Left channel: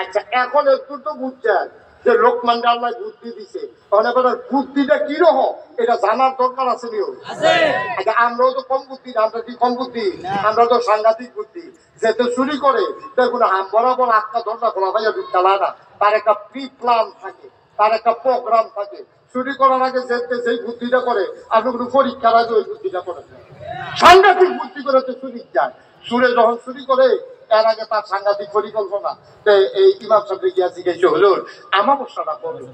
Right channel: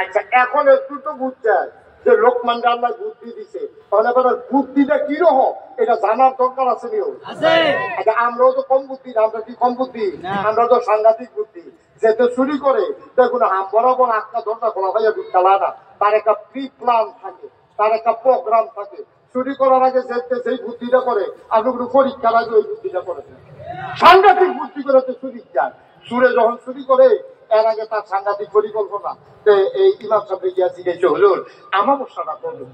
আচ্ছা এখন একটু তো বুঝছেন যে লোকমান আল্লাহ বুদ্ধি দিছে, তাহলে এবার বুদ্ধিটা কি রকম এটা জানার দরকার আছে নিও। আচ্ছা আমরাও তো কম বুদ্ধি না, আমরা কি কম বুদ্ধি? আমরা তো সাংঘাতিক বুদ্ধি। যেতে চুরি করে দেখুন হাম বরাবর আটকা দরজা খোলা ভাইয়া ঢুকতালা না, তার একটা প্রি প্ল্যান থাকে, তার একটা প্রোগ্রাম থাকে। চুরি করার আগে যেতে যেই বুদ্ধিটা করে আপনি কোনো পরীক্ষার আগে ওই বুদ্ধিটা করেন না। সাংঘাতিক বুদ্ধি করে তো চুরি যায়। চুরে যখন চুরি করে এর আগে তার সাংঘাতিক পরিকল্পনা। এই ইমাম সাহেব গিয়া জিজ্ঞাসা হলো আমাবস্যাটা করবে।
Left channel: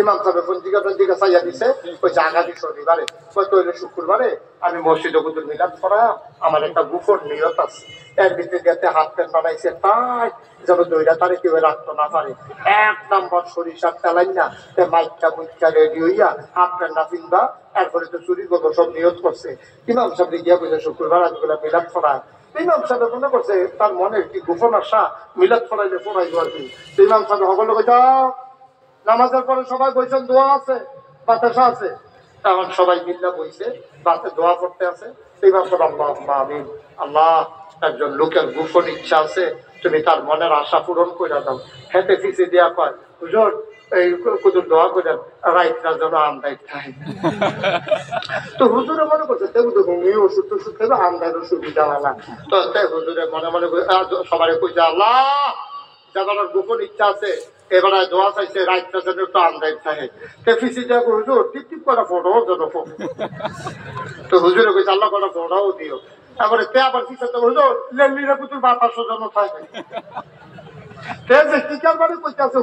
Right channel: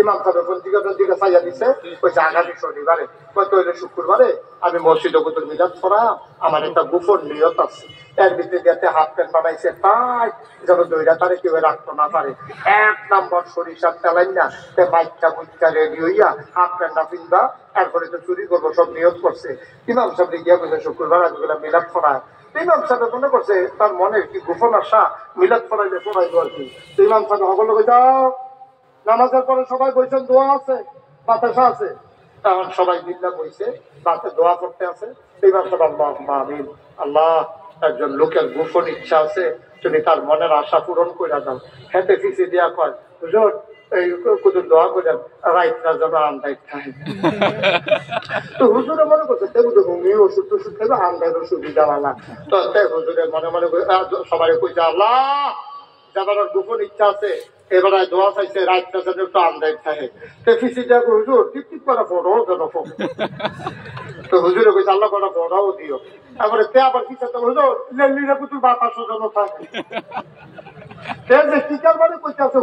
ইমাম সাহেব পঞ্জিকা চাইয়া দিছে, ওই আগামী শনিবারে হয়তো হইলো শুক্রবারে আমি মসজিদে কুতুল মিলাদ করা আমার একটা গোপন নিয়ত আছে। এর ভিতরে যাতে হাফ প্যান্ট বানাইছে তাই যেন দইরা তারে কেউ রাখতে না পারে। 1 নম্বর সরিষার তেলাই না মাইকটা মুইকটা রেডি হইয়া হাফ প্যান্ট না পিনবা, এরপরে তো চুরি করবো সব নিয়ত করছে। ইমাম সাহেব গিয়া বলছে শুক্রবার আজগুলা মিলাদ পড়ায়। ইমাম সাহেব মনে করছে তার মনের কি গোপন আশা মিলাদ পড়াইলে পড়াইবো আর কি। ইমাম সাহেব সকল যাও নামাজের পরে সবাই বলছেন দোয়া আছে বাতাসা আছে, তখন সবাই মিল্লা বইছে বাতে দোয়া করতে আছে। ইমাম সাহেব আল্লাহ আমিন, আল্লাহ একজন লোকের গোপন ইচ্ছা আছে, তুমি তার মনের আশা পূরণ করে দাও। হেঁটে ফিসে দিয়া কয় হুজুর এই কুতুর দোয়া করে রাইতরা যেন আন্দায় খায়। তো হুজুরে মনে করছে তেমন ঘুমিয়ে ওষুধ টষুধ খাইবে আন্দায়ের সুবিধা না। তো তাই হুজুরে মনে মনে সবাই কইছে আল্লাহ যাবার গোপন ইচ্ছা আছে এবারে দোয়া চাইছে রাইতটা যেন একটু আন্দায় থাকে। তো ফিসি দিয়া হুজুর টিপ টিপ করে ফটো যেন ফটো। তো হুজুরে কইছে আল্লাহ করে ফটোও দিও। তারপরে তে আবার কি করতে হুজুর লেলিরা কুতুর বাতাসও যেন থাকে।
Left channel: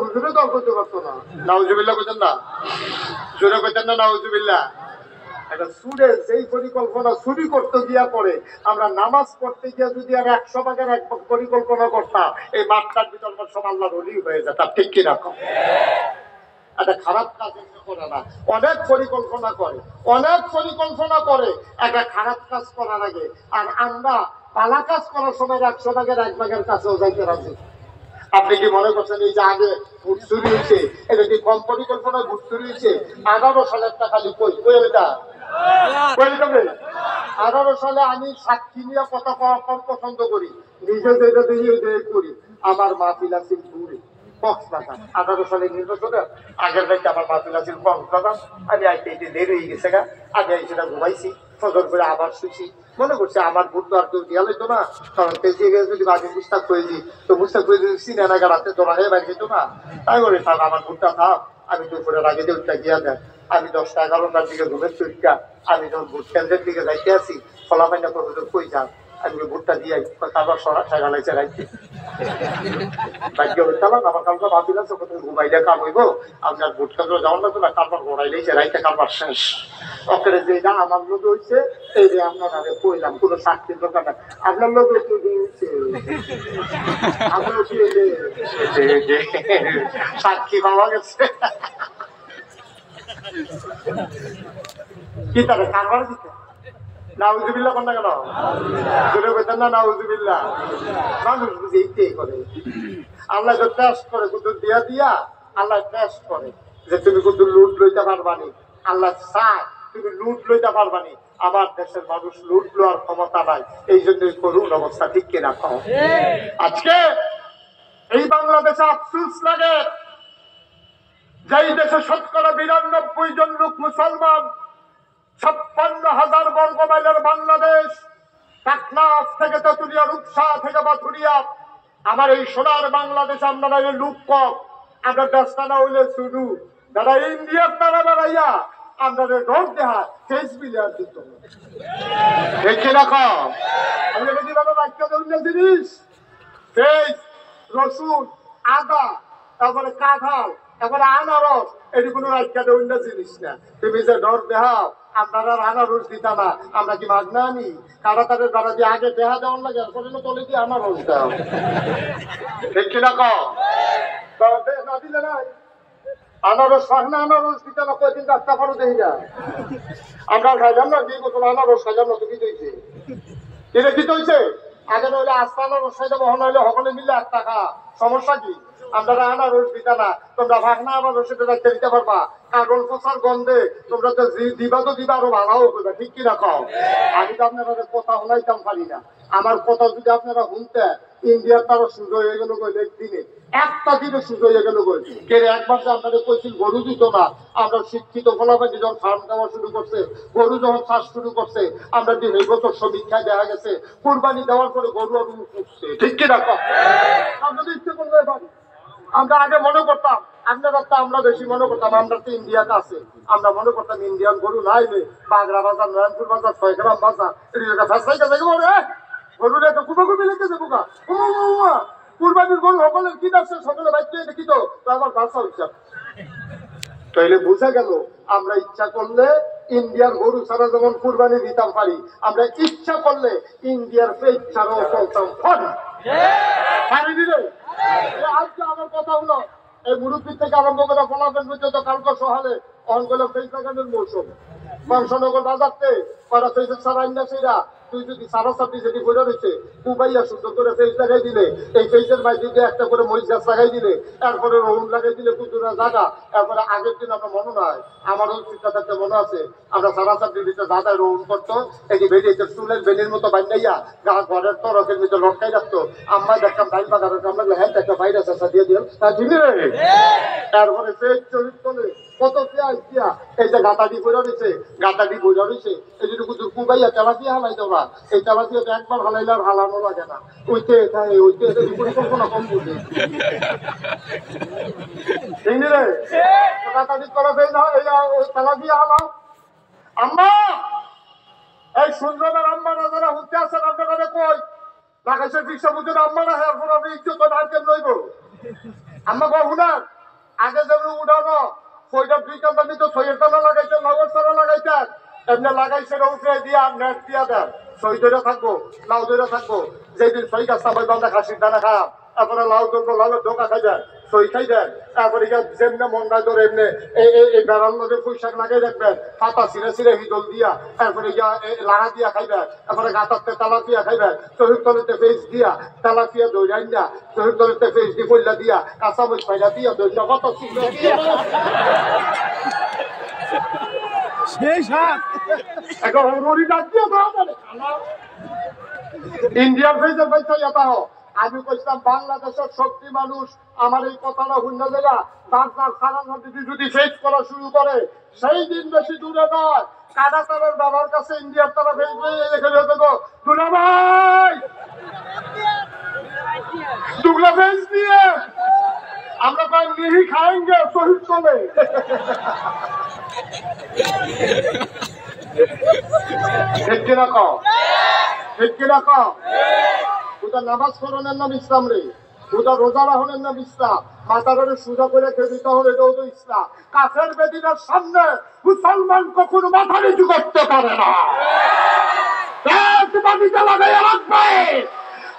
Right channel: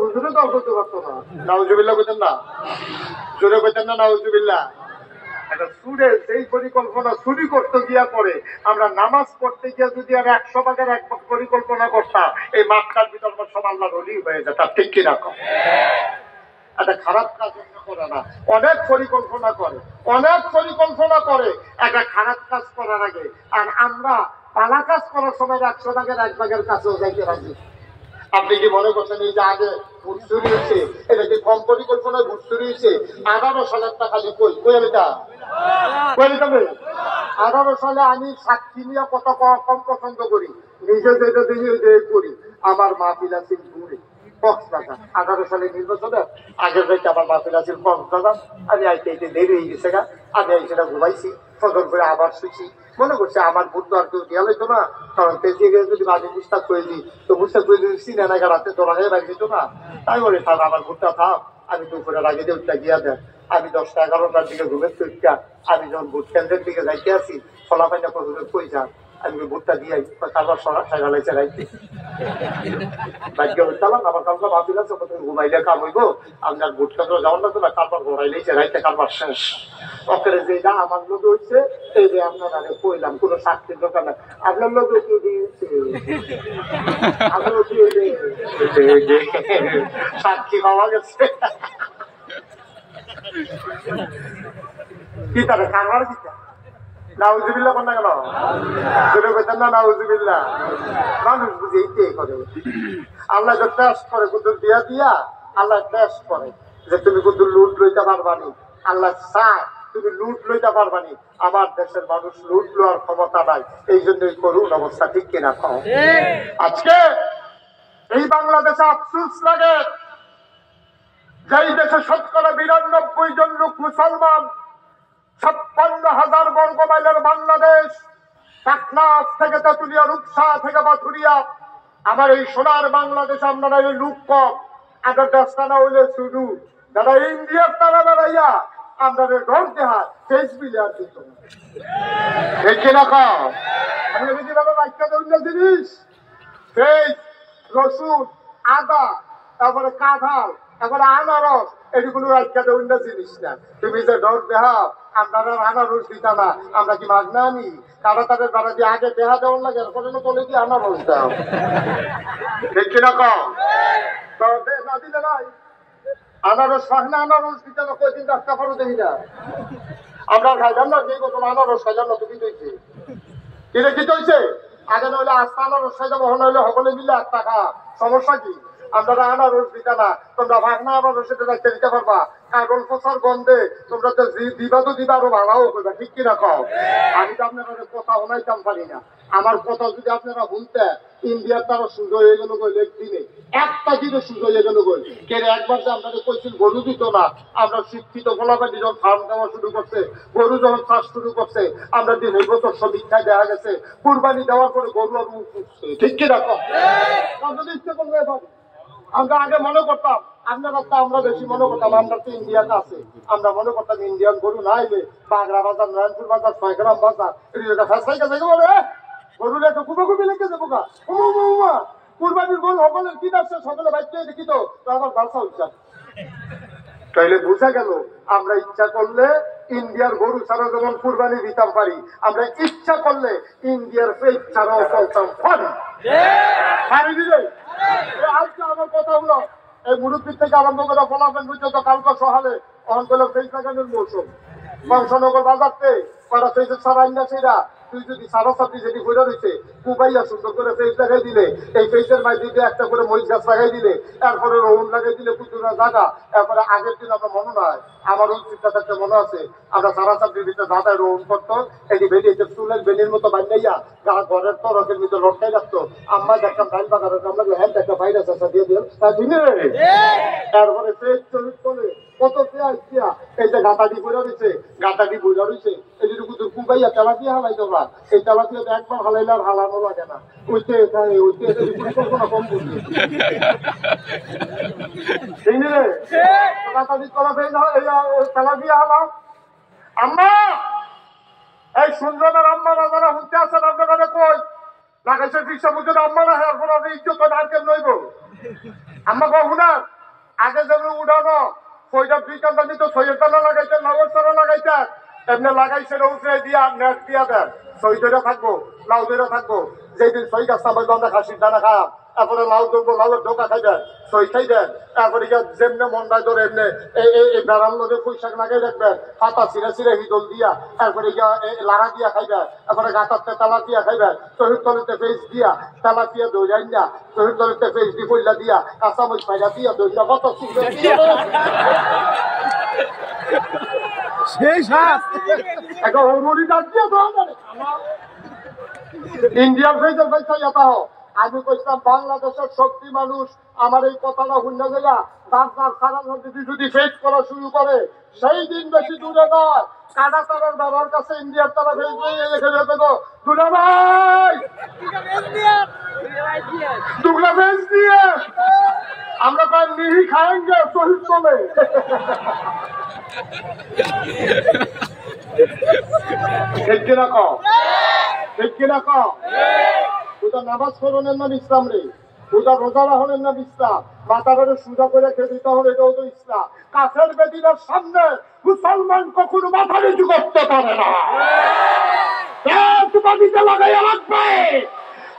হুজুরে দল করতে পারতো না। নাউজুবিল্লাহ কইতেন না, জোরে কইতেন না নাউজুবিল্লাহ। একটা সুরে যেই পরিকল্পনা চুরি করতে গিয়া করে আমরা নামাজ পড়তে গিয়া যদি আর 100 ভাগের 1 ভাগ পরিকল্পনা করতাম এই মাঠটার ভিতর সব আল্লাহ রলি হয়ে যেত। ঠিক কি রকম একটা খারাপ কাজ করে না, অনেক পরিকল্পনা করে, অনেক পরিকল্পনা করে একটা খারাপ কাজ করার আগে। আর আমরা ভালো কাজ করার সময় 100 ভাগের 1 ভাগের কাছেও যাইতে রাজি। আপনি কি মনে করছেন এই যে আগে ভোট চুরি হয়েছে এটা কি কম পরিকল্পনায় ভোট চুরি হয়েছে? 11 সালের টা খালি কই কই এটা 11 সালে আমি সাক্ষী নিয়ে কত কম পছন্দ করি, নিজে যেটা দেখি ওই করি। আমার মাহফিল আছে দূরে কক্সবাজার, 11 সালে নির্বাচনে আগের রাইতে আমার মাহফিল আছে কক্সবাজার। আমি আইতে আইতে দেরি হয়ে গেছে গা, আমি সেটা ঘুমাইছি, ফজর করে আবার শুইছি। মনে করছে আমার ভোট তো আর কেউ দেওয়া হইতো না, কারণ পেঁচিয়ে গেছে যদি আমি বুঝতে পেয়েছি তো বুঝতে পেরেছি সিনেমাকে রাতে তোলা হয়ে বাইরে যেত না। তাই বলে থাক আমার ভোটটা থাক, আমি দুপুরের আগে উঠটা গিয়া দেন। আমি 10টা 11টার দিকে ঘুমের চুটটা আমি যখন ভোট কেন্দ্রের দিকে যাইতে আসি ফলাফাইনা করে কই যান আমি ভোটটা দিয়ে তারপর সাইলাইছে রাইতে ভাগ্য হইতালাম আমার কালকে ভাবিল আছে ঘুমাইলে কাম হইব আপনার ভোট কেন্দ্র যাওয়ার লাগতো না, কারবার ঘোরাইলেইছে রাইতে কারবার শেষ। ওখানে যে না আমার লোক হয়েছে এই যে আপনার আগে কইলাম কোনো সাক্ষীর দরকার নাই, আপনার লোক সাক্ষী পাওয়া গেছে কি তারা কারবার দিতে নাউজুবিল্লাহ কোন না কেন জোরে কইতেন না নাউজুবিল্লাহ। মানুষ বুঝে এইটাই করে, আল্লাহ যে টেস্ট করে কুদুর দিয়া দিয়া আল্লাহ টেস্ট করে যে তুমি কুদুর লুট লইতে পারবানি। আল্লাহ চায় তুমি লুট লইতে পারবানি, আমার দেশের মানুষ লুট লওয়ার ক্ষমতা নাই, এই জন্যই করুন অবস্থা। ঠিক কিনা কও? আজকে এই বাংলাদেশে আফসোস লাগে যেই দেশে 92% জন লোক মুসলমান, 56,000 বর্গ মাইলের বাংলাদেশ, পাটনাস থেকে তেতুলিয়া রূপসা থেকে বাথুরিয়া, আমার এই সোনার বাংলাদেশ আপনারা লোক কম, আমরা দস্তানা হইলে শুরু যারা ইন্ডিয়ার তারা দাঁড়াইয়া আপনাদের ডর দেহা ফেস বিলিয়ার দিত জিনিস ফেস রসুন আদা তারপরে কাঁঠাল তারপরে আনারস এটি কোনো রাজ্যে অন্য জিনিস না। তুমি যে ডর দেহা আপনারা আনারস দিতা না, আমরা কি মাগনা আনি কারা তাদের দ্বারা দিয়ে আগে দেহা দেওয়ার লাগে এরপরে তলে দিয়ে আনারস দাও। ঠিক কিনা কও? না দিলে নাই আনারস খান না, আনারস দিতে না কয়দিন রাস্তা পারো দেখি না আমরা খাইলাম না, যেই বছর আনারস খাইলাম না তো কি হয়েছে? এটা কি হয়েছে? আগে নইলে আস্তা আনারস খাইতে মহন হইলে সকলে মিলে 8 টাকা, সমস্যা কি? আপনারা আনারস দিতা না, তোমরা ভাগনা আনারস সেটা রাখতে দিতে পারবা, কাগল পচার গন্ধে তোমরা তো দিবা তো দিবা আরো ভাড়াও করবা। ঠিক কিনা কও? আমি তো আপনারা কথা শোনাইতাম পারি না। আমার কথা যদি আপনারা শুনতে ইন্ডিয়ার তারা সুযোগ হয়ে গেল গেল একদিনে একটা দিনে সুযোগ হয়ে গেল গেল কে একবার যে আপনাদের কইছিল গরু দিত না আমরা শিক্ষিত ফলাফল যখন ফার্ম দেওয়া শুরু করছে গরু যখন চাষ শুরু করছে আমরা দিন এই বছর সমীক্ষায় দেখা গেছে কুরবানি দেওয়ার পরে গরু আর উঠছে ঠিক কি রাখো আপনাদের ইচ্ছে করলে পারি আমরা আগে মনে করতাম আপনারা তো আমরা বেশি মনে করতাম আমরা তো ইন্ডিয়াতে আছে আমরা মনে করতাম ইন্ডিয়ান গরু না এলে বাগড়া বাজার নয়নপুর বাজার 6 গ্রাম বাজার এটা ফেসাই গেছে গরুর একটা কুপাকুপি লেগে যাবো গা কুরবানির গরু সকলের কি আছে সকলে বাইকে দেখি তো আমার ভাষা উচ্চার তাইলে বুঝা গেল আমরা ইচ্ছা করলে ইন্ডিয়ার গরু ছাড়া যেমন কুরবানি দিতাম পারি আমরা ইচ্ছা করলে ইন্ডিয়ার পেট ছাড়াও চলতাম পারি দিলে আজকে আমার কথা হলো এই মুরব্বীর থেকে আরম্ভ করে ফলাফল পর্যন্ত কালকে সহালে অঞ্চলের সেই জায়গার মৌসুম বংশনগর বাজারতে কটা সেই সারা সেরা তুই যদি সারা সাপড়ি যেটি বইটা রয়েছে কুবাইয়া সুন্দর করে ফেস লাগাই দিলে এই ফেসের মাঝে একটা করে মরিচ গাছ লাগাই দিলে এরপরে রৌন লাগাই দিলে কুচুরা জায়গা এরপরে আগের দিন আমরা মনে নয় আমারও চিন্তা থাকতে মনে আছে আমরা সারা সাপড়ির ভিতরে দাদায় রৌন করতো এটি বেরিয়েছে চুলের বেলির মতো বান্ধাইয়া গা ঘরের তরকের ভিতরে লটকাই রাখতো আমরা দেখতাম ডাইল বাগানের আমরা হ্যাঁ একটা বাইরে চেষ্টা দিয়ে দিলাম তারপরে ফেস চলিত চলে কত পেঁয়াজ দিয়া এই যে গাতাটি বইরা রয়েছে গাতাটি বইরা রয়েছে এই যেটুকু কুবাইয়া তেলাপিয়া হালাই তোমরা এই তেলাপিয়া একবার হালাইলে আর হালানো লাগে না ওইতে পরিকল্পনা কম বুঝি গাতাটি করা তেলাপিয়া হালাও আম্মা এই সুন্দর আম্মারা যারা হুঁতে আসেন আপনারা কই লাগাইছে রিক্সা বুঝে আম্মারা হ্যাঁ আপনি ইজ্জত আজকে নইব আম্মা কহুনার আগে যেন উঠানো ওইটা দুই কান্তা দিত সইয়ের তালা লাগাইছে লাউয়ের তালা লাগাইছে এমনি লাগাইছে উঠে দিয়া নেট দিয়া দেন সই ধরে থাকবো লাউ ধরে থাকবো যেদিন সই গাছ সাবাই বান্ধা খাসির দানা খারাপ তারপরে লাউ ধরবো লাউয়ের ঢোকা খাই দেয় সই খাই দেয় তারপরে যেমনি মন্ডায় ধরে এমনি এই বেড়ার লোকে পুঁইশাক লাগাই রাখবেন পাতা ছিঁড়ে ছিঁড়ে হিদল দিয়া তারপরে লাগা দিয়া খাইবে তারপরে গাঁতাতে তালা দিয়া খাইবে চহির তলিতে ফেস দিয়া তালা দিয়া দৌড়াই না চহির তলিতে ফেস দি পইলা দিয়া কাঁচামচ পাইলা দিয়া দৌড়া কত সুন্দর ইন্ডিয়ার ফেসের পয়সা এটা হোক আমি কইছিলাম বাংলাদেশের শক্তি মানুষ আমার এই কথাটা শুনে যায় বাংলার সারা যদি ফেস করা শুরু করে সেই দিন বেশি দূরে নয় কাদা তারের বাবার কাছে ইন্ডিয়ার তারা ফেস এখানে দেবো দুলা ভাই দুগলা ফেস দিয়ে আমরা প্রায় নিহি খাएंगे শহীদ চলে ঠিক কিনা কও ঠিক কিনা কও ওটা নামাজ পড়নের নাম ইসলাম রে ওটা রোজা রাখনের নাম ইসলাম মাথারে সুজা করে খেতে হবে এটাও তো ইসলাম কাফের বেদিনের সামনে মুসলমান কখনো মাথা নিচু করতে পারে না বাড়িতে লাগাইয়া রাখবে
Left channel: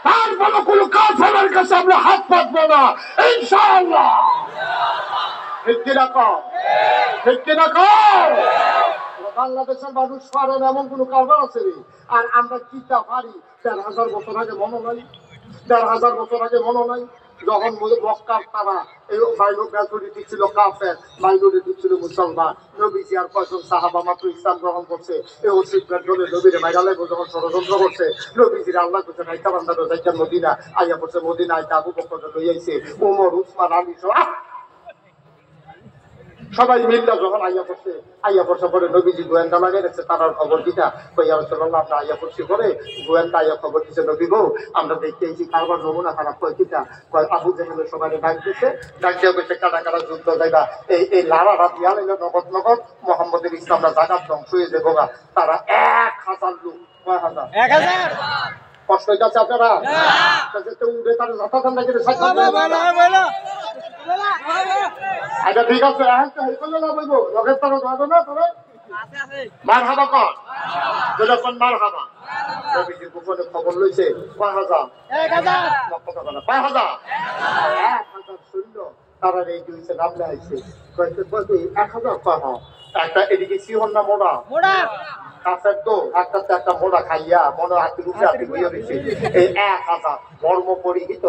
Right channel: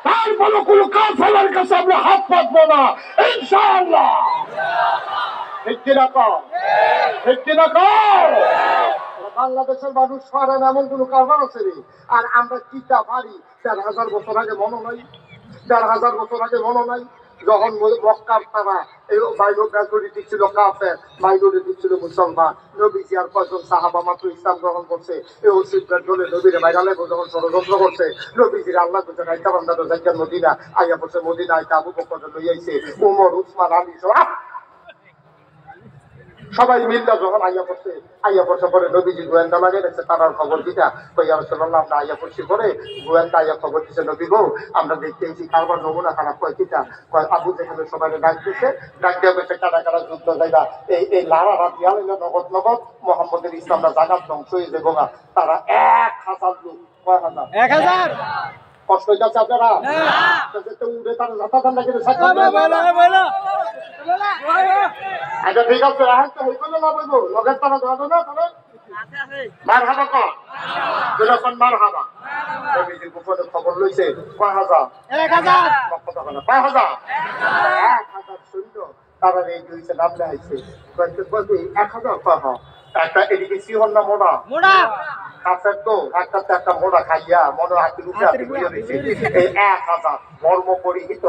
তারপরে কোনো কাফেরের কাছে আমরা হাত পাতবো না ইনশাআল্লাহ ঠিক কিনা কও ঠিক কিনা কও বাংলাদেশের মানুষ পারেন এমন কোন কারবার আছে রে আর আমরা কিটা পারি ৪,০০০ বছর আগে মনে নাই ৪,০০০ বছর আগে মনে নাই যখন মক্কার তারা এই মাইনরিটি ছিল কাফের মাইনরিটি ছিল মুসলমান নবীজি আর কয়েকজন সাহাবা মাত্র ইসলাম গ্রহণ করছে এই ওসিফের ধরে নবীরে মাইরালে যখন ষড়যন্ত্র করছে নবীজির আল্লাহ করছে নাইতা বান্দার যাইতেন মদিনা আইয়া পড়ছে মদিনা আইতা আবু বকর লই আইছে ওমর উসমান আলী সবাই মিল্লা যখন আইয়া পড়ছে পরে নবীজি গোয়েন্দা লাগিয়ে রাখছে তারার খবর দিতা কইয়া রাসূলুল্লাহ আমরা আইয়া পড়ছি পরে গোয়েন্দা আইয়া খবর দিছে নবী গো আমরা দেখতে আইছি কারবার নমুনা খারাপ কয় কিতা কয় আবু জেহেলের সবাই ডাক দিছে ডাক দিয়া কইছে কাটা কাটা যুদ্ধ যাইবা এই লারা রাত ইয়ালে নগদ নগদ মুহাম্মদের ইসলামটা জাগাত ধ্বংস হয়ে যাবো তারা ১,০০০ লোক কয় হাজার ১,০০০ কষ্ট হইতাছে আপনারা উড়ে তারা যাতা ঠান্ডা করে আচ্ছা ঠিক আছে এখন তো হেই করলে না বলবো লগের তারা যাবে না তবে মার হাবা কর যেরকম মার হাবা নবীজি গোপনে খবর লইছে কয় হাজার ১,০০০ ৫,০০০ ১,০০০ সৈন্য তারা এই দুইছে নামলে আইছে ১,০০০ কয় একটা এদিকে সিহন না মোড়া কাছের তো একটা মোড়া খাইয়া মনে হাতে রূপে হাতে বুঝে দিচ্ছে। এই 1000 বর্ম পরিহিত,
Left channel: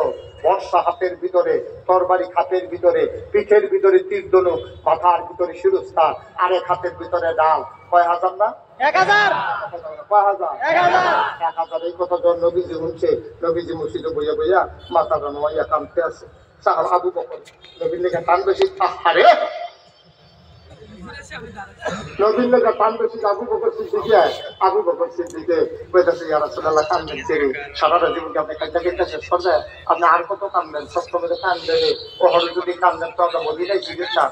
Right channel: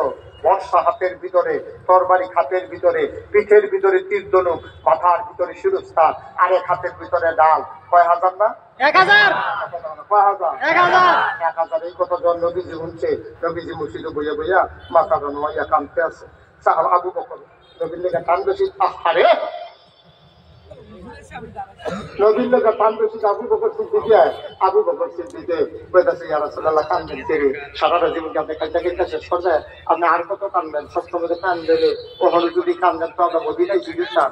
বর্ষা হাতের ভিতরে, তরবারি খাতের ভিতরে, পিঠের ভিতরে তীর ধনুক, মাথার ভিতরে শিরস্থান, আরেক হাতের ভিতরে ডাল। কয় হাজার না? 1000। কয় হাজার? 1000। এই কথা যখন নবীজি শুনছে, নবীজি মসজিদে বইয়া বইয়া মাথাটা নোয়াইয়া কাঁদতে আছে। সাহাবা আবু বকর নবীর লেগে কান বেশি, আহারে নবীর লেগে কান বেশি। আবু বকর সিদ্দিকে, আবু বকর সিদ্দিকে কইতাছে, ইয়া রাসূলুল্লাহ কান্দেন ছেড়ে সারাটা জীবনকে আপনি খাইতে খাইতে শেষ করবেন, আপনি আর কত কান্দেন? সবসময় কান্দেন, ওখানে যদি কান্দেন তো আমরা মদিনায় সুযোগ না,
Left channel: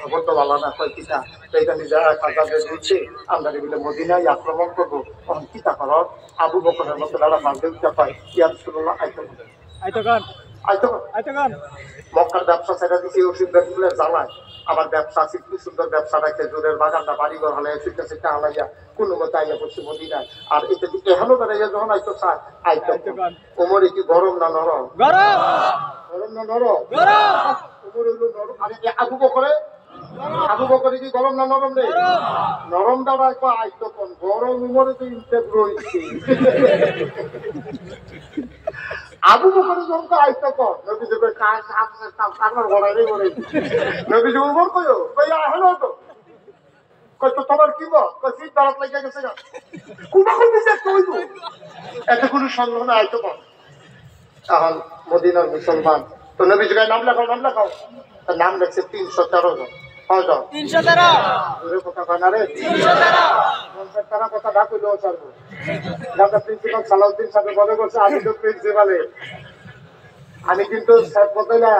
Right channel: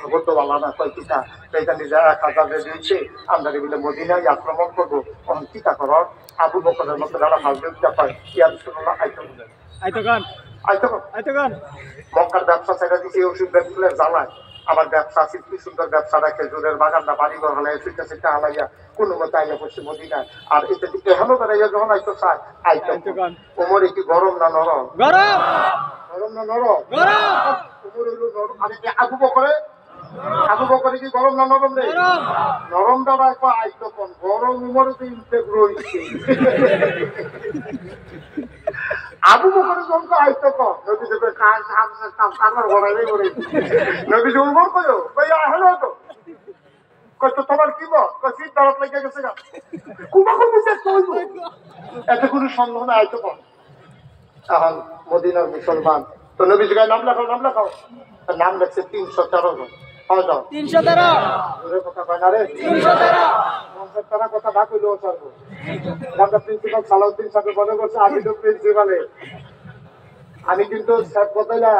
খবর তো ভালো না। কয় কিতা এটা নিজে 1000 দিয়েছে, আমরা বলে মদিনায় আক্রমণ করবো, তখন কিতা করার? আবু বকরের মতো দাদা কান্দে উঠতে পায়, ইয়া রাসূলুল্লাহ মক্কার ব্যবসা ছেড়ে দিচ্ছে ওষুধ ব্যাগগুলোর জ্বালায়। আমার ব্যবসা আছে, কি সুন্দর ব্যবসাটা, খেজুরের বাগানটা বাড়িঘর হালাই সুইটা সেটা হালাইয়া কোনো মতো আইয়া পড়ছে মদিনায়। আর এটা এখনো বেড়াইয়া যখন আইতো চায় আইতো। ওমরে কি গরম না নরম? গরম না নরম? ওমর হইল নরম। আরে আবু বকরে, আবু বকরে কি গরম না নরম রে? নরম দ্বারা আইতো কোন গরম? উমরে তো ইনটেক রয়েছে। আবু বকরের জন্য আইতো কম। নবীজি কই কারবার ঘোরাইলে ঘোরে। নবীজি উমর কইও কই হলো তো, কই তো তোমার কি বল? কই ফিট দাঁড়াত লাগিয়ে গেছে না, কুবা করতে যে কইবো এত কোনো সন্দেহ না, আইতো কম। এখন মদিনার মুসলমান তো নবীজি কই নাম লেখাও, নাম লেখাও। নাম লেখছে 313 জন। 313 কথা কয় না রে, 313 কথা না কইলেও পারবো। আমরা প্রিন্সিপাল সালাউদ্দিন সাহেব মনে করছে আমি তো প্রিন্সিপালে, আমি কিন্তু স্যার কথাই না।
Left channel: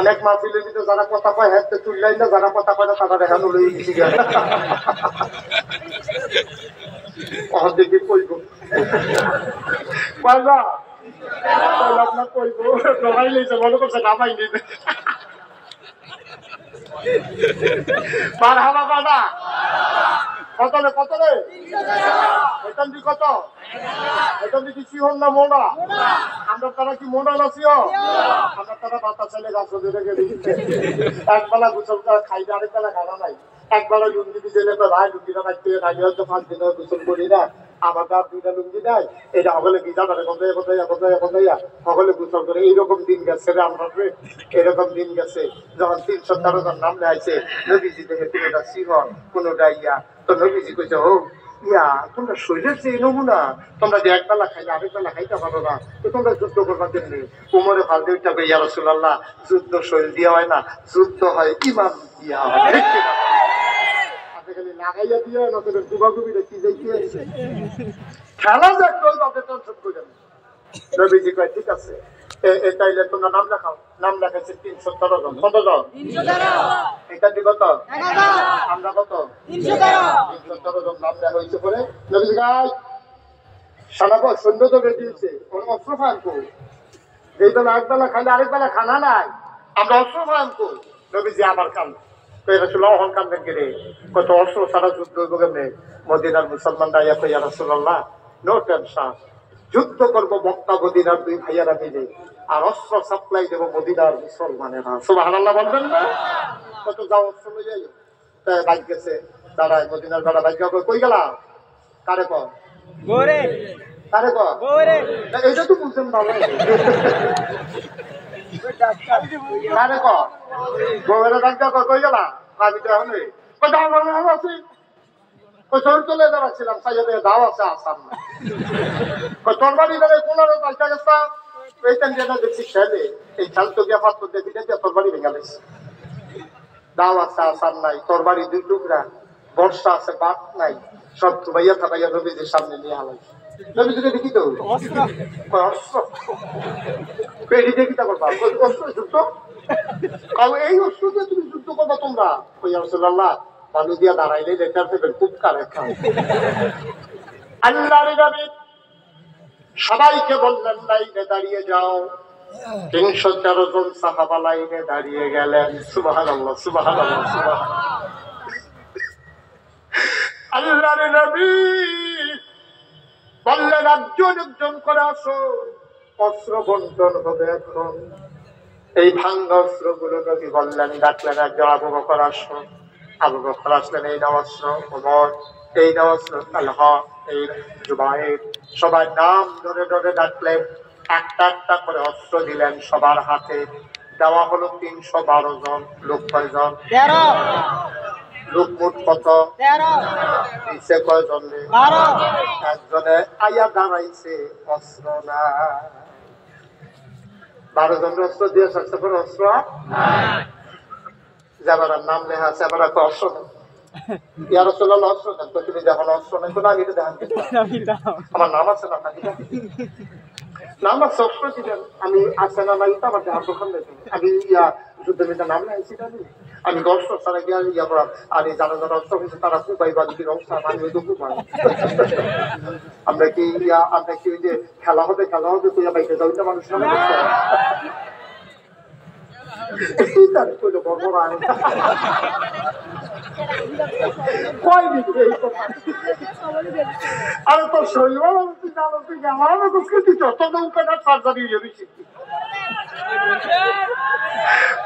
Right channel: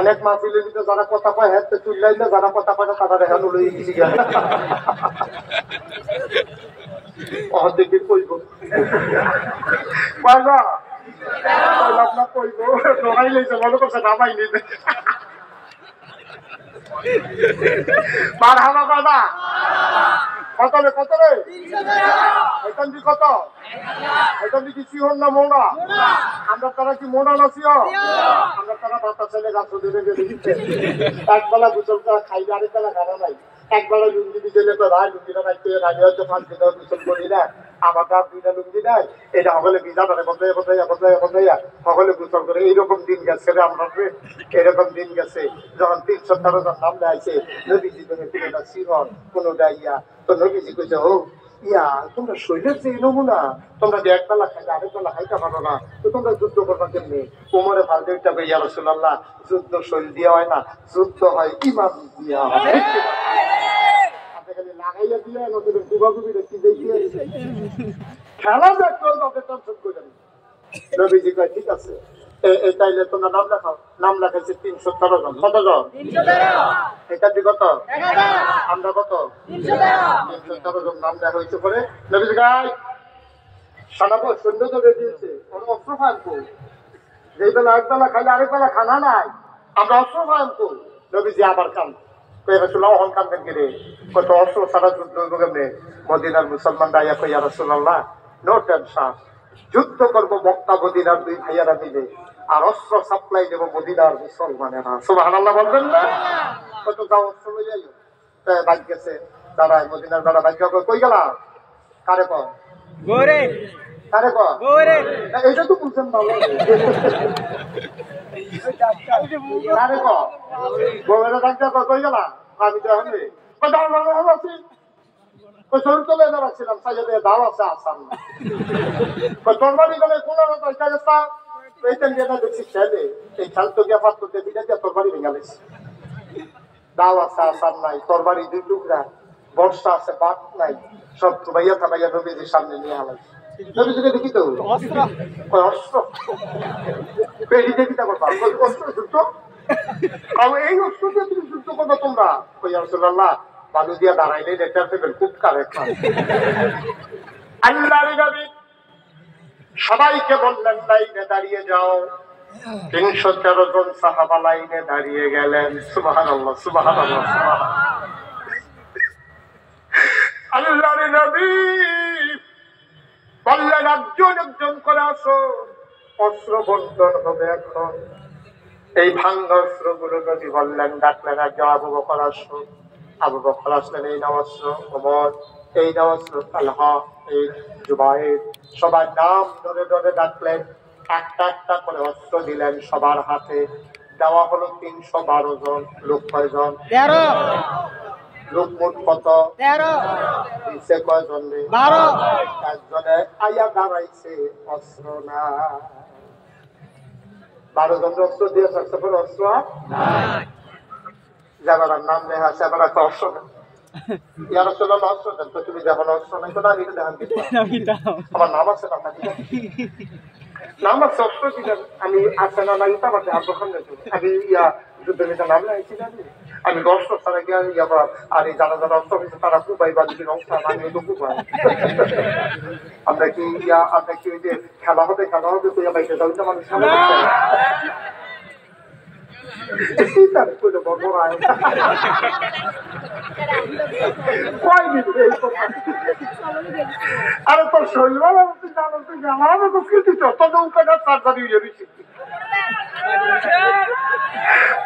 অনেক মাহফিলের ভিতরে যারা কথা কয় হ্যাঁ তো তুললাই না, যারা কথা কয় না তারা রেহান লই গেছি গা। দেখি কইব কয়বা কইলাম না, কইব ডরাই লইছে, মনে করছে নামাই নিবে। মারহাবা কথা কত রে, কত রে? এখান কি কত? এখান কি সিহন না মোড়া? আমরা তারা কি মোড়া না সিহন? আমরা তারা বাতা ছেলে গাছ দিতে গেলে একবেলা গোসল করা খাইলে আরেকবেলা খানা নাই। একবেলা লুঙ্গি দিলে তো ভাই লুঙ্গিটা রাখতে রাজি হয়তো 5 দিন গোসল করি না, আমার তার 2টা লুঙ্গি নাই, এটা সকলে ভিজা ধরে বদলাইয়া সকলে গোসল করে। এইরকম দিন গেছে রে আমরা, এরকম দিন গেছে। যখন 313 জন নাম দেয়ছে, নবীজি দেখে কোনোটা সিহন কোনোটা ইয়া, তো নবীজি কইছে হোক ইয়া তোমরা শরীরের যে নমুনা, তোমরা যে একবেলা খাইলে আরেকবেলা খাইতে পারো না, তো তোমরা যুদ্ধ করবার জন্য। উমরে ফালতে উঠতে কই, ইয়া রাসূলুল্লাহ যুদ্ধ শরীর দিয়ে হয় না, যুদ্ধ হয় ইমান দিয়া হয়। খালি লাগাইয়া দিয়ে না তোদের গুবাগুবি রেখে যাইতে খেলা যাক তাদের টেনশন করে। নবীজি কয় ঠিক আছে, তাইলে তোমরা নাম লেখাও। নাম লেখাইছে 313 জন। কত জন? 313। এটা কি কত? 1000। আমরা কত? 313 জন নাম লেখা হয়েছে। পরে নবীজি গায় সানাপা সৈন্য তো বেঁধে দিয়েছে, অস্ত্র ফায়ান করি, যেই বেলা একবেলা খাইলে আরেকবেলা খানা নাই, আমরা অস্ত্র ফায়ান করি। নবীজি আবার কান অহন কানবেন গেলে কত অস্ত্র ছাড়া যুদ্ধ হইব কেমনে? মদিনার মুসলমানরা ইয়া কই, ইয়া রাসূলুল্লাহ নো টেনশন, যুদ্ধ করবো মক্কা মদিনার 2 ভাইয়ারা মিলে, আর অস্ত্র সাপ্লাই দেবো মদিনার মুসলমানেরা। সুবহানাল্লাহ বলবেন না? কত যাও অস্ত্র লই আইও। বাইক গেছে দাঁড়ায়, মদিনার বেড়া বাইক কই গেলা? কারে কর গোরে, কারে কর গোরে, এইটা তো বুঝছেন না। কারে কর গোবেরা ডাক্তার কই গেলা? আমি তো এখন আছি, শরীর চলে বেড়াচ্ছিলাম, সাইডে দাও আছে আসাম না। তোর বাড়ি গেলে কোন পয়সা গেছা এইখান যেটা দেখছি খেলে, এই খেল তো গিয়া পাত্র দেখি দেখে তোর বাড়ি ভেঙে গেছে। দাও আছে আসাম নাই, তোর বাড়ি 2 টুকরা, বর্ষা আছে বাদ নাই, সব ভাইয়া থাকাইয়া নবীজির সামনে নিয়ে হালাই। নবীজিকে দেখি তো অস্ত্র পেড়ি দেখি তা করবা, অস্ত্র যুদ্ধ, এই অস্ত্র দিয়ে তুমি যুদ্ধ করবা তোমরা? কই ইয়া রাসূলুল্লাহ পানি দিয়া দাঁড়াইলে লেটার পেবেন খুব কারেক্ট। আল্লাহর নবী সবাইকে বললেন লাইনে দাঁড়িয়ে যাও। 313 জন সাহাবা লাইনে দাঁড়িয়ে গেলেন। সুবহানাল্লাহ, সুবহানাল্লাহ, সুবহানাল্লাহ। আল্লাহর নবী বললেন একজন একজন করে আসো, অস্ত্র বন্টন হবে এখন। এই ভাঙ্গা অস্ত্র গুলো নবী বললেন, ডাকলেন একজন আবু বকর আসো। আবু বকর আসলেন, এই নাও অস্ত্র। ওমর এই নওয়াজুল তালহা, এই জুবাইর, সবার নাম ধরে ধরে ডাকলেন। একটা একটা করে অস্ত্র দিলেন সবার হাতে। দেওয়া হলো 312 জন। লোক কয়জন? 13। লোক মোট কত? 13। দিছে কয়জন? 12। একজনে আইয়া দাঁড়াইছে, অস্ত্র না। 12 জন অস্ত্র দিয়ে থাকতে পারে, অস্ত্র যাবার নাম লেখা আছে, আবার একটা অস্ত্র নেই। ইয়ার অস্ত্র অস্ত্র দেন তো, তুমি যখন অস্ত্র নেই তো আমি দেখেন আমার নাম আছে না, নাম আছে, অস্ত্র ছিলেন আমি আছে না নাই তো আমার দেহার দোকান আমি ইয়া যুদ্ধের নেতা নাম লাগাইছি আমি অস্ত্র ছাড়া গিয়া ইয়া করা। আর এই যারা যারা অস্ত্র হয়েছে তারা কুবাই বা যদি অংশ আমি তো কুবাই। আমরা কি ইয়া আমরা কি ওই যে খেলা হবে তো ইয়া বাইকে যাই না মানুষ মনে করতে আরে তোর শরীর সার্জারি হয়ে গেছি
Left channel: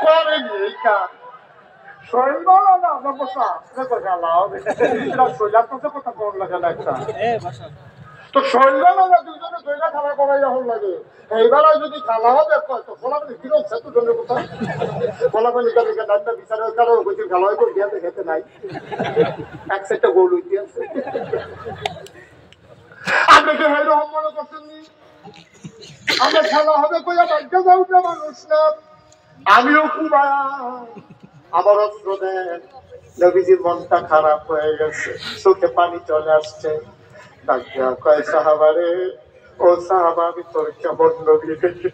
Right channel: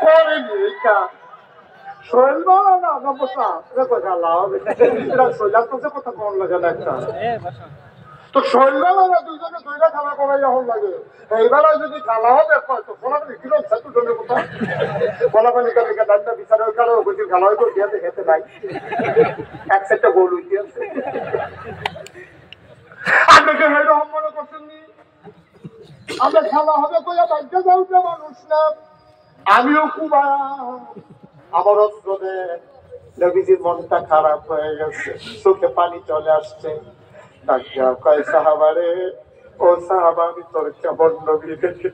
করেনি এই কাজ। শরীর ভালো না সমস্যা শরীর তো কথা কম লাগে না একটা। তো শরীর ভালো না দুইজনে দুইটা খেলা করাই যখন লাগে এইবার যদি খেলা হবে তো ফলাফল কিলো দুজনের কোথাও ফলাফল বিচারে ওই কারো খেলা হয়তো দিয়াতে খেতে নাই এক সেটটা গোল উঠে আছে। আপনাকে এরকম মনে করছেন নি আমরা খেলা হবে কইয়া বাইকে যাও না মানুষ না। আমিও খুব আমার অস্ত্র দেন। নবীজির মনটা খারাপ হয়ে গেছে, চোখে পানি চলে আসছে। কয় সাহাবারে, ও সাহাবা আমি তোর কেমন নবী দেখে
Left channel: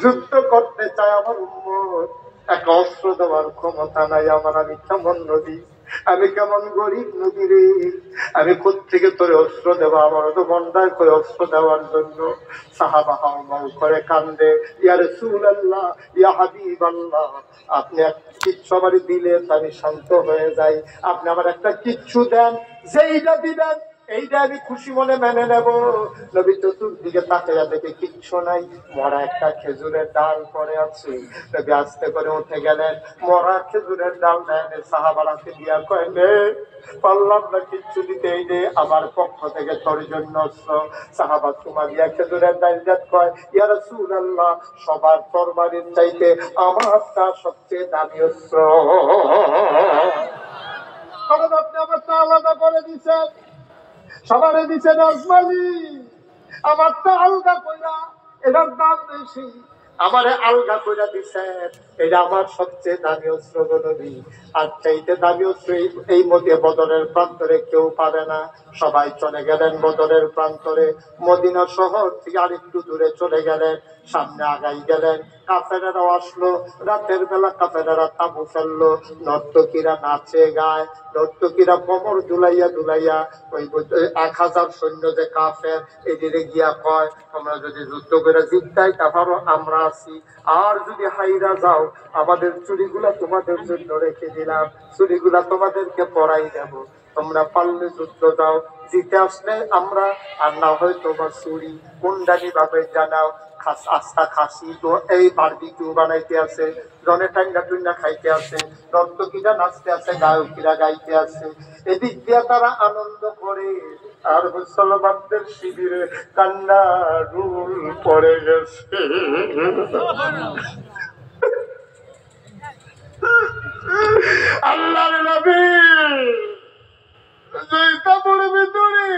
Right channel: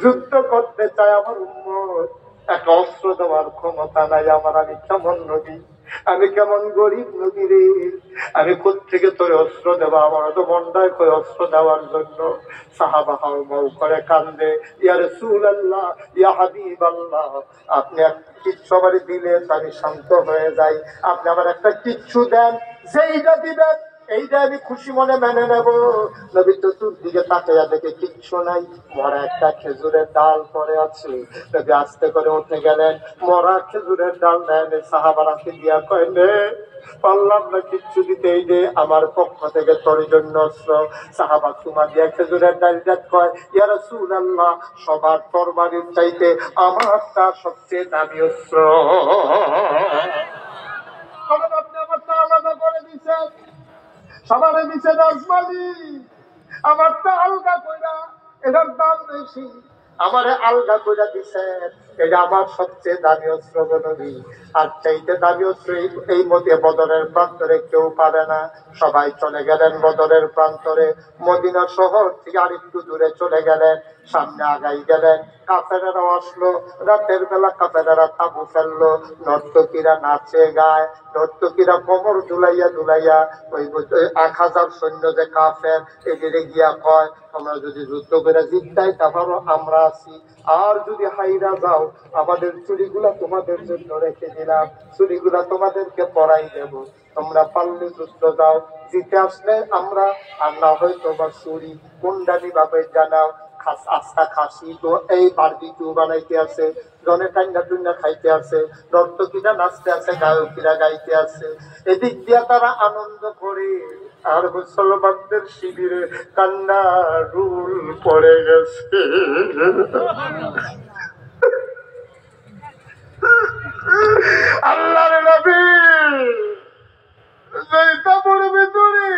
যুদ্ধ করতে চাই আমার উম্মত, একটা অস্ত্র দেওয়ার ক্ষমতা নাই আমার, আমি কেমন নবী, আমি কেমন গরিব নবী রে, আমি কোত্থেকে তোর অস্ত্র দেবো, আমার তো মন্ডায় করে অস্ত্র দেওয়ার জন্য। সাহাবা হাও মাও করে কান্দে, ইয়া রাসূলুল্লাহ, ইয়া হাবিবাল্লাহ, আপনি কিচ্ছু আমার দিলে আমি শান্ত হয়ে যাই, আপনি আমার একটা কিচ্ছু দেন, যেইটা দিবেন এইটা আমি খুশি মনে মেনে নেব। নবী চতুর্দিকে তাকাইয়া দেখে কিচ্ছু নাই, মরা একটা খেজুরের ডাল পড়ে আছে। নবী আস্তে করে উঠে গেলেন, মরা খেজুরের ডাল নেন, সাহাবারাকে দিয়া কইলে পারলাম না কিচ্ছু দিতে, এই যে আমার পক্ষ থেকে তোর জন্য অস্ত্র। সাহাবা চুমা দিয়া খেজুরের ডাল দেখ কয়, ইয়া রাসূলুল্লাহ, সবার তরবারির চাইতে আমারটা সবচেয়ে দামি অস্ত্র, কারণ আপনি আমারটা আলাদা করে দিচ্ছেন, সবারে দিছে রসমালি, আমারটা আলগা কইরা, এটার দাম বেশি, আমারে আলগা কইরা দিছেন, এটা আমার সবচেয়ে দামি অস্ত্র নবী। আর চাইতে দামি অস্ত্র এই মধ্যে বদরের প্রান্তরে কেউ পাবে না। সবাই চলে গেলেন বদরের প্রান্তরে, মদিনা শহর থেকে আরেকটু দূরে চলে গেলেন, সামনে আগাই গেলেন। কাফেরারাও আসলো, রাতের বেলা কাফেরারা তাবু ফেললো, নর্তকীরা নাচে গায়, নর্তকীরা কোমর দুলাইয়া দুলাইয়া ওই 1000 সৈন্য যে কাফের এদিকে গিয়া কয়, তোমরা যদি যুদ্ধ করে জিততাই তারপরও আমরা আছি, আর যদি হাইরা যাও আমাদের চুরিগুলা তোমাদের জন্য রেখে দিলাম, চুরিগুলা তোমাদেরকে পরাই দেব, তোমরা পারলে যুদ্ধ যাও, জিতে আসলে আমরা, আর না হয় তোমার চুরি কুন্ডানি ভাবে জানাও। আস্থা খাসি তো এই বারবিকিউ বানাইতে আছে, জনে টাঙ্গা টুঙ্গা খাইতে আছে, নর্তকীরা নাচতে আছে, গায়কীরা গাইতে আছে, এদিক দিয়া তারা আনন্দ করে। আর মুসলমানদের শিবিরে কান্না রুল পড়ে গেছে। আল্লাহর নবী জয়তাপুর ভিতরে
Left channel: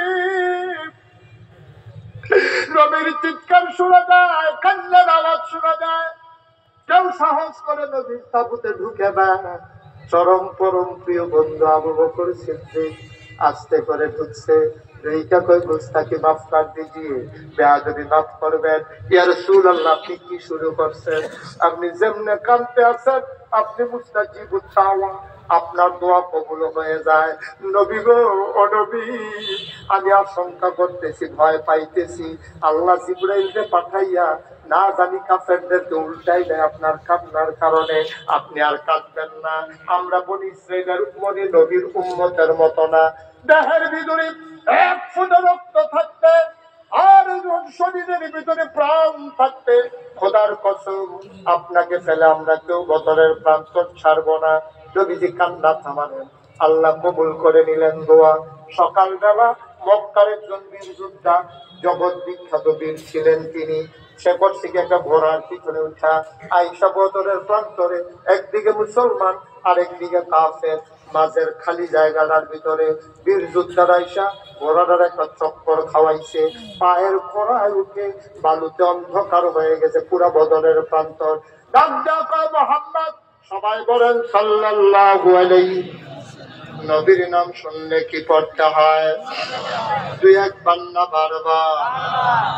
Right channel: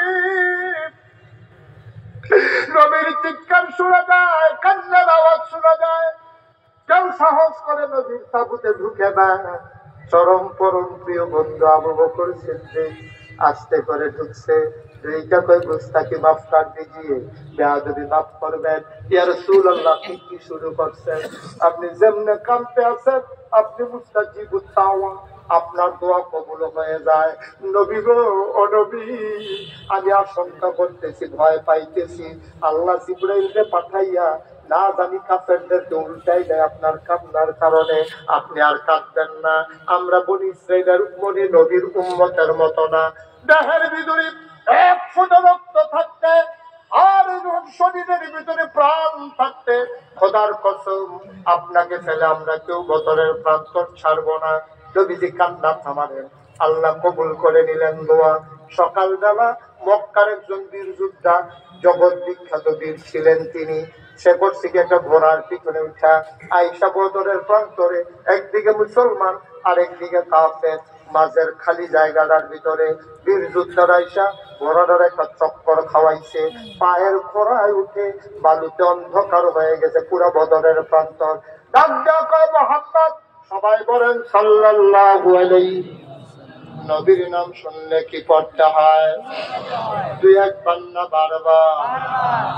নবীর চিৎকার শোনা যায়, কান্নার আওয়াজ শোনা যায়, কেউ সাহস করে নবীর তাবুতে ঢুকে না। চরম পরম প্রিয় বন্ধু আবু বকর সিদ্দিক আস্তে করে ঢুকছে, এইটা কই মুস্তাকি মাফ কর দিজিয়ে, বেয়াদবি মাফ করবেন। ইয়া রাসূলুল্লাহ, আপনি কি শুরু করছেন? আপনি যেমনে কাঁদতে আছেন আপনি মুস্তাজিবুত দাওয়া, আপনার দোয়া কবুল হয়ে যায়। নবী গো, ও নবী, আমি আশঙ্কা করতেছি, ভয় পাইতেছি, আল্লাহ জিবরাইলকে পাঠাইয়া না জানি কাফেরদেরকে উল্টাই দেয় আপনার কান্নার কারণে, আপনি আর কাঁদবেন না। আমরা বনি ইসরাইলের উপরে নবীর উম্মতের মতো না, দেহের ভিতরে এক ফোঁটা রক্ত থাকতে আর শরীরের ভিতরে প্রাণ থাকতে খোদার কসম আপনাকে ফেলে আমরা কেউ বদরের প্রান্তর ছাড়বো না। নবীজি কান্না থামালেন, আল্লাহ কবুল করে নিলেন দোয়া। সকালবেলা মক্কার একজন বীর যোদ্ধা, জগৎ বিখ্যাত বীর ছিলেন তিনি, সে করছে কি একটা ঘোড়ার পিছনে উঠা আইসা বদরের প্রান্তরে, একদিকে মুসলমান আর একদিকে কাফের, মাঝের খালি জায়গাটার ভিতরে বীর যোদ্ধার আইসা ঘোড়াটার একটা চক্কর খাওয়াইছে, পায়ের খোড়ায় উঠে বালুতে অন্ধকার হয়ে গেছে পুরা বদরের প্রান্তর। ডাক ডাক মোহাম্মদ, সবাই বলেন সাল্লাল্লাহু আলাইহি। নবীর নাম শুনলে কি পড়তে হয়? দুই একবার না বারবার,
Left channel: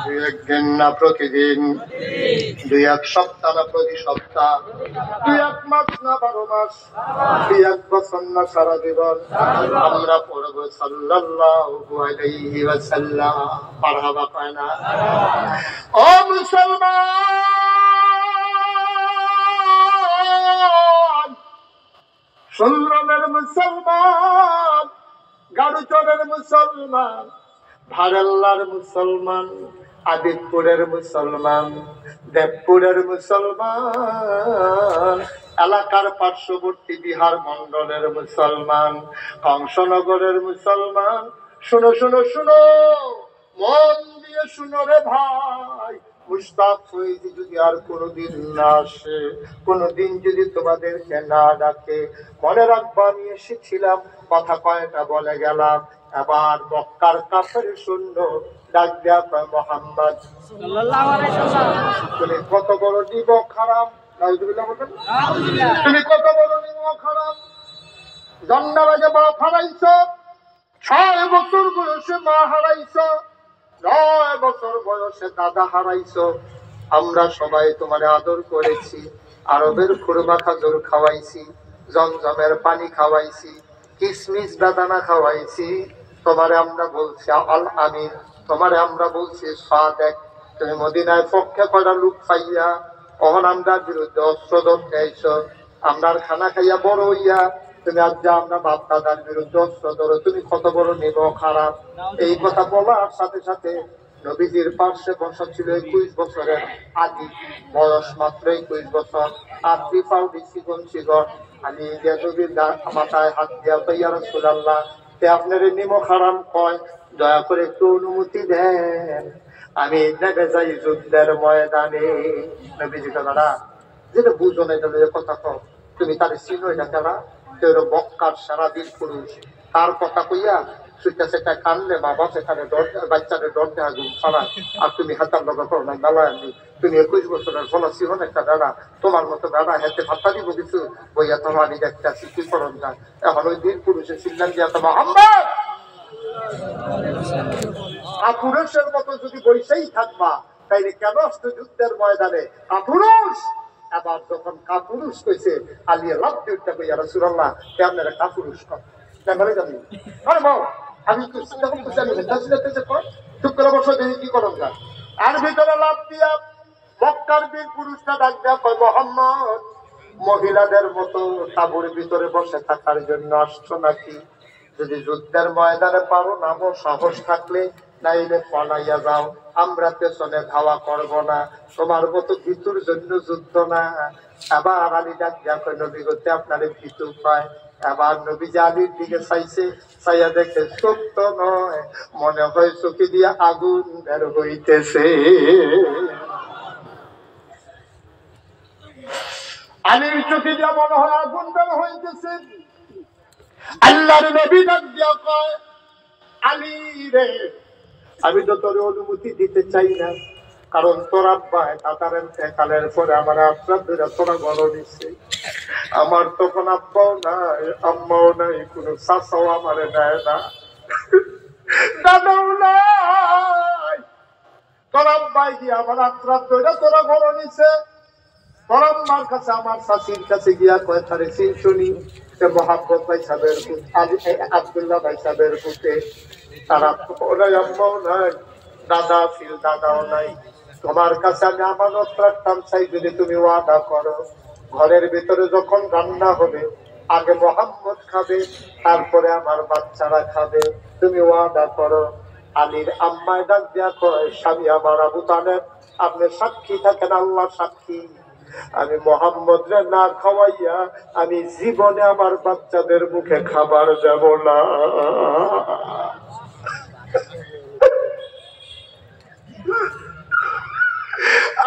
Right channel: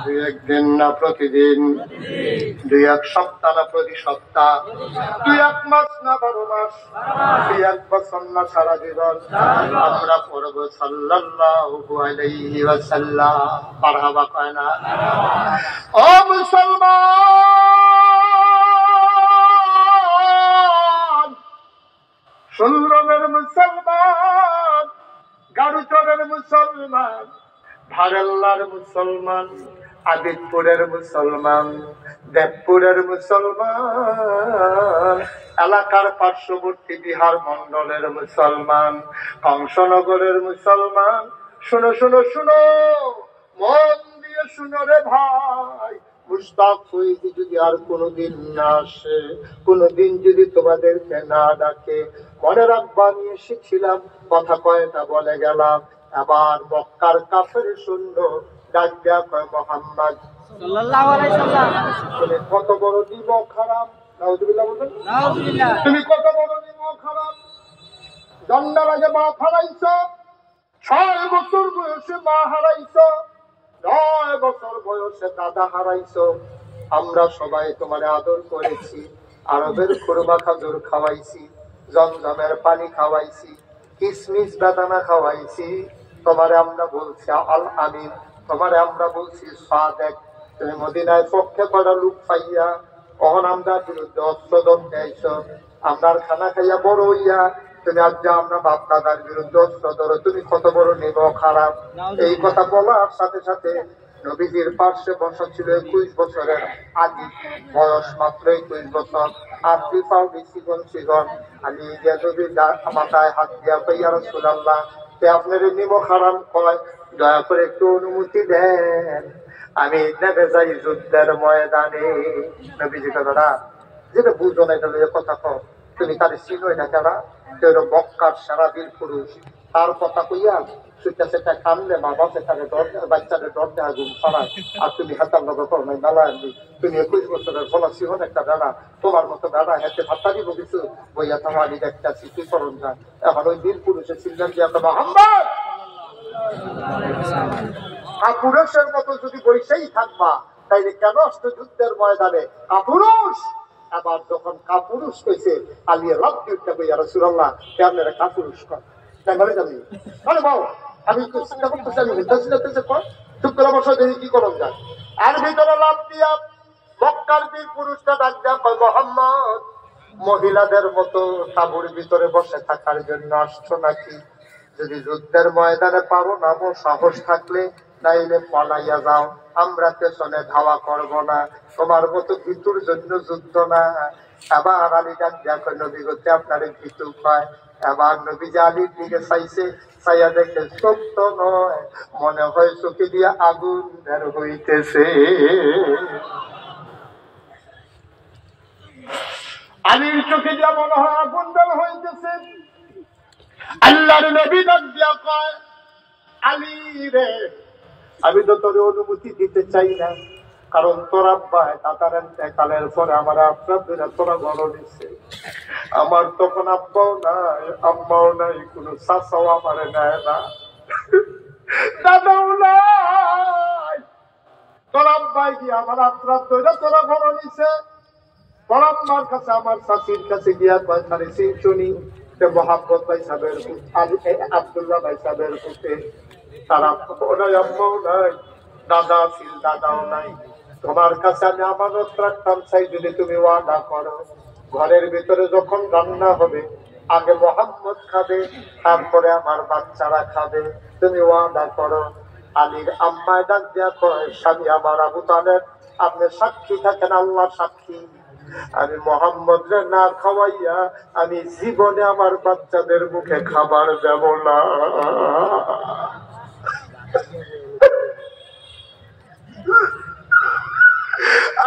দুই একদিন না প্রতিদিন, দুই এক সপ্তাহ না প্রতি সপ্তাহ, দুই এক মাস না 12 মাস, দুই এক বছর না সারা জীবন আমরা পড়বো সাল্লাল্লাহু আলাইহি ওয়াসাল্লাম। মারহাবা কয় না? ও মুসলমান, সুন্দরের মুসলমান, গাড়ুচরের মুসলমান, ভারেল্লার মুসলমান, আদিতপুরের মুসলমান, দেবপুরের মুসলমান, এলাকার পার্শ্ববর্তী বিহার মন্ডলের মুসলমান, কংসনগরের মুসলমান, শুনো শুনো শুনো, মন দিয়ে শুনো রে ভাই। মুশতাক ফৈজি যদি আর কোনোদিন না আসে, কোনোদিন যদি তোমাদেরকে না ডাকে, মনে রাখবা আমি এসেছিলাম, কথা কয়টা বলে গেলাম। আবার মক্কার কাফের শূন্য ডাক দেয়া কয় মোহাম্মদ সাল্লাল্লাহু আলাইহি ওয়াসাল্লাম, তুমি কত বড় নিমক হারাম। নাউযুবিল্লাহ বলেন, তুমি কত বড় নিমক হারাম। জন্মের আগে মা হারাইছো, 6 বছর বয়সে মা হারাইছো, 9 বছর বয়সে দাদা হারাইছো। আমরা সবাই তোমার আদর করেছি, আরবের খুরমা খাজুর খাওয়াইছি, জমজমের পানি খাওয়াইছি, কিসমিস বেদানা খাওয়াইছি। তোমারে আমরা বলছি আল আমিন, তোমারে আমরা বলছি সাদেক। তুমি মদিনায় পক্ষে করা লোক পাইয়া অহন আমরা বিরুদ্ধে অস্ত্র ধরতে আইছো, আমরার খানা খাইয়া বড় হইয়া তুমি আজ যা আমরা বাপ দাদার বিরুদ্ধে অস্ত্র ধরো, তুমি কত বড় নিমক খারাপ। এই কথা বলার সাথে সাথে নবীজির পার্শ্বে বসা ছিল 21 বছরের আদি, বয়স মাত্র 21 বছর। আপনি পাউডি চিকন চিকন আলী নবীর মাথায় হাত দিয়া ইয়া রাসূলুল্লাহ, তে আপনার নিমক হারাম কয়, দয়া করে একটু অনুমতি দেন, আমি নেমে যাই যুদ্ধের ময়দানে। নবীজি কথাটা যেটা বুঝো না, এটা কথা কও, তুমি তার চিনোই না কেনা, তোর মক্কার সারা বীর পুরুষ, তার কথা কইয়া সুইটা সেটা কানলে বাবা সেখানে বাচ্চাদের ডর দেওয়া ঘুম ছাড়ায়, আর তুমি হাতার লগে করো না বেলা আনবি। তুমি 21 বছরের ফলাসি হন একটা গাড়া, তোমার মতো গাড়া হেঁটে হাত্তা দিব কিছু বইয়া তোমার আমি দেখতে আসি কি করণ যায়। এখন ওই বীর পুরুষের সিদ্ধান্ত দিয়া তো মোহাম্মদ পুরুষের মতো যদি বৈশেই থাকবা, তাইলে কেন যুদ্ধের ময়দানে কাপুরুষ। আবার যখন কাপুরুষ কইছে আলিয়া লাভ দিতে কইয়া রাসূলুল্লাহ, আপনারা কাপুরুষ কর ভালো জানি। আরে বাবা, আমি তো চিন্তা করতেছি, আমি উদ্দাসীনতা কর চুপ করে বসে দেখি কি করণ যায়। আর ভিতরে লাভ দিয়া মক্কার বীর পুরুষটা ডাক দেয়া কয় মোহাম্মদ, মহিলাদের মতো তাঁবুর ভিতরে বসে থাকার জন্য আসছো নাকি? যদি যুদ্ধের ময়দানে পারো নামো, সাহস থাকলে, নাইলে পালাইয়া যাও, আমরা পেছনে ধাওয়া করব না, তোমার মতো ভিতুর জন্য যুদ্ধ না। আবার আলী ডাক দেখো নবী করতে আপনার ভিতু পায়। আবার নবীজি আলীর দিকে চাইছে, চাইয়া দেখে সত্য নয়, মনে হয় চোখে দিয়ে আগুন বের হইতেছে। আলীর চোখে দিয়া মনে হয় আগুন বের হইতেছে। আল্লাহর নবী ডাক দিয়া কয়, আলী রে, আমি তো তোর অনুমতি দিতে চাই না, কারণ তোর আব্বা দাদার কালের পরে আমার আশ্রাদ ধরে তোরা বড় দিচ্ছে। আমার তখন আব্বাও নাই, আম্মাও নাই, কোনো চাচাও আমারে নেয় না, দাদাও নাই। তোর আব্বাই গিয়ে আমার আশ্রাদ ধরে তোরা বড় নিছে। তোর আম্মার কাছে আমার শাশির কাছে গিয়া কয় তারে শুনি, মোহাম্মদ ভাই সাহেবের আব্দুল্লাহ ভাই সাহেবের পুতে, তারা নাই, আম্মাও নাই, দাদা ছিল, দাদাও নাই। তোমার কাছে আমি আমানত রাখতাম, চাই যদি তুমি ওয়াদা করো, ঘরের ভিতরে যখন রান্না হবে আগে মোহাম্মদ খাবে, তারপরে আমার বাচ্চারা খাবে, তুমি ওয়াদা করো। আলীর আম্মায় ডাক দিয়া কয়, স্বামী আমার আবু তালেব, আপনি সাক্ষী থাকেন, আল্লাহ সাক্ষী, আমি মোহাম্মদরে না খাওয়াইয়া আমি জীবনে আমার বাচ্চাদের মুখে খাবার দেব না।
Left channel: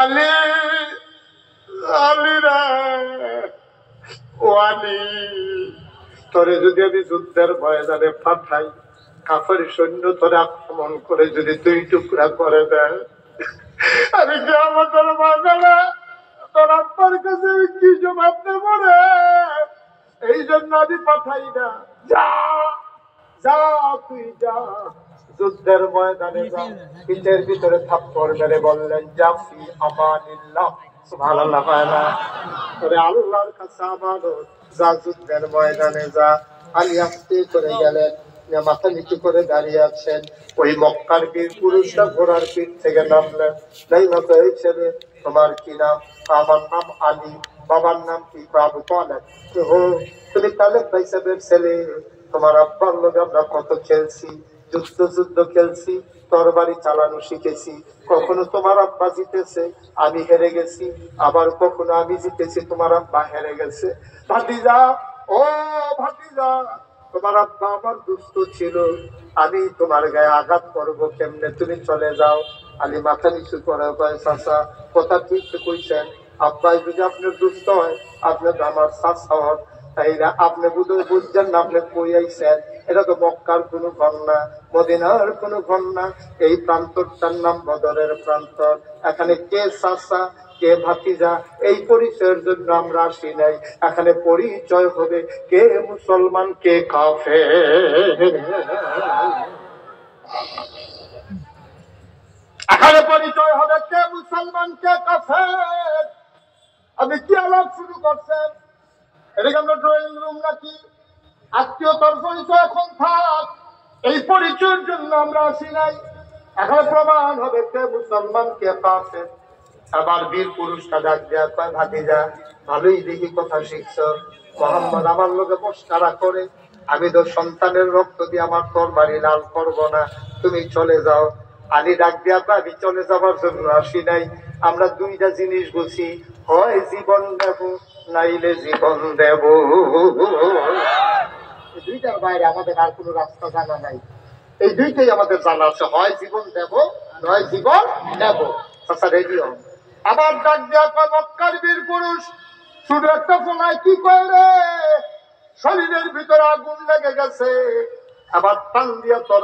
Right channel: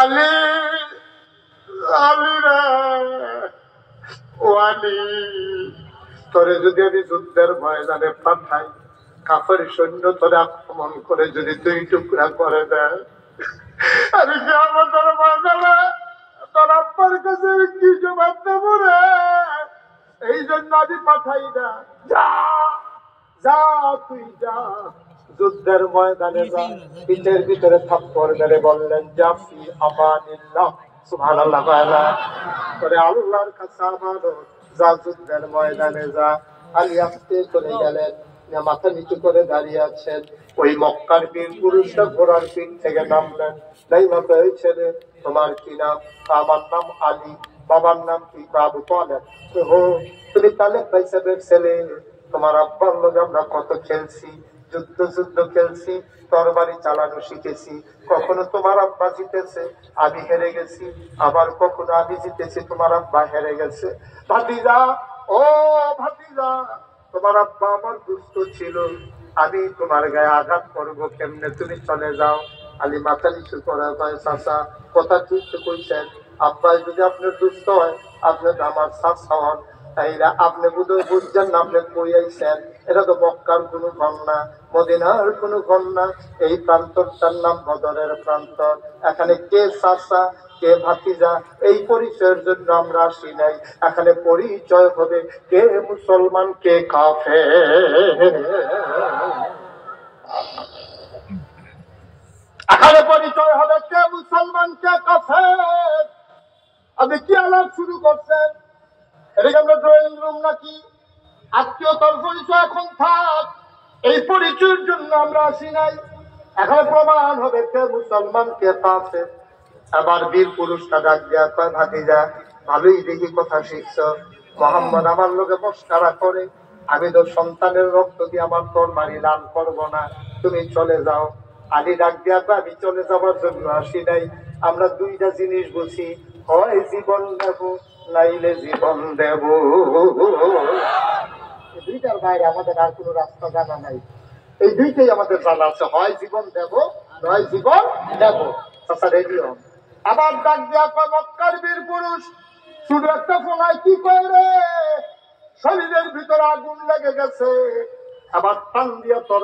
আলী, আলী রে, ও আলী, তোরে যদি আমি যুদ্ধের ময়দানে পাঠাই, কাফের সৈন্য তোরে আক্রমণ করে যদি দুই টুকরা করে দেয়, আমি কি আমাদের ময়দানে তোর আব্বার কাছে কি জবাব দেব রে? এই জন্য আমি পাঠাই না। যা যা, তুই যা, যুদ্ধের ময়দানে যা। পিঠের ভিতরে থাপ্পড় মেরে বললেন, জাফি আমানিল্লাহ, সুবহানাল্লাহ। তোরে আল্লাহর কাছে আমানত, যা যুদ্ধের ময়দানে যা। আলী আস্তে করে গেলেন, মাথা নিচু করে দাঁড়িয়ে আছেন। ওই মক্কার বীর পুরুষরা ঘোড়ার পিঠ থেকে নামলেন। নাই মাথা, এই ছেলে তোমার কি নাম? আমার নাম আলী। বাবার নাম কি? আবু তালেব। তুমি তালেব ভাই সাহেবের ছেলে? তোমার আব্বার লোক আমরা কত খেলছি, যুদ্ধ খেলছি, তরবারি চালানো শিখেছি। কখনো তোমার আব্বা জিতেছে, আমি হেরে গেছি, আবার কখনো আমি জিতেছি, তোমার আব্বা হেরে গেছে। ভাতিজা, ও ভাতিজা, তোমার আব্বা আমার দুষ্ট ছিল, আমি তোমার গায়ে আঘাত করবো কেমনে? তুমি চলে যাও। আলী মাথা নিচু করে কয়, চাচা কথা ঠিক কইছেন, আব্বা যদি আপনার দুষ্ট হয়, আপনার আমার চাচা হন, তাইলে আপনি বুঝছেন না, আপনি কই আইছেন? এটা তো মক্কার কোনো ঘর না, মদিনার কোনো ঘর না, এই প্রান্তরটার নাম বদরের প্রান্তর। এখানে কে চাচা কে ভাতিজা এই পরিচয়ের জন্য আমরা আসি নাই। এখানে পরিচয় হবে কে মুসলমান কে কাফের। এখানে পরিচয় হবে কে মুসলমান কে কাফের। আপনি কি আলাপ শুরু করছেন? এদিকে আমরা ড্রয়িং রুম নাকি? আত্মীয়তার পরিচয় এখন থাক, এই পরিচয়ের জন্য আমরা আসি নাই। এখানে প্রমাণ হবে কে মুসলমান কে কাফের। আবার বীর পুরুষটা ডাক দেয়া কয়, ভাতিজা ভালোই দেখি কথা শিখছ, মোহাম্মদ আমার লোকে মস্কারা করে, আমি তো সন্তানের রক্ত দিয়ে আমার তরবারি লাল করব না, তুমি চলে যাও। আলী ডাক দেয়া কয়, আমি চলে যাবার জন্য আসি নাই, আমরা দুইটা জিনিস বুঝি, হয় জীবন দেব নাইলে জীবন দেব। দুইটার বাইরে আমাদের আর কোনো রাস্তা জানা নাই, এই দুইটাই আমাদের জানা আছে, হয় জীবন দেব নয় জীবন নেব। আচ্ছা রেডি হন। আবার ডাক দেয়া কয়, মক্কার বীর পুরুষ, শুধু একটা ফোলায় কি কয় রে, শরীরের ভিতরে আগুন লেগে গেছে, আবার টান দিয়া তোর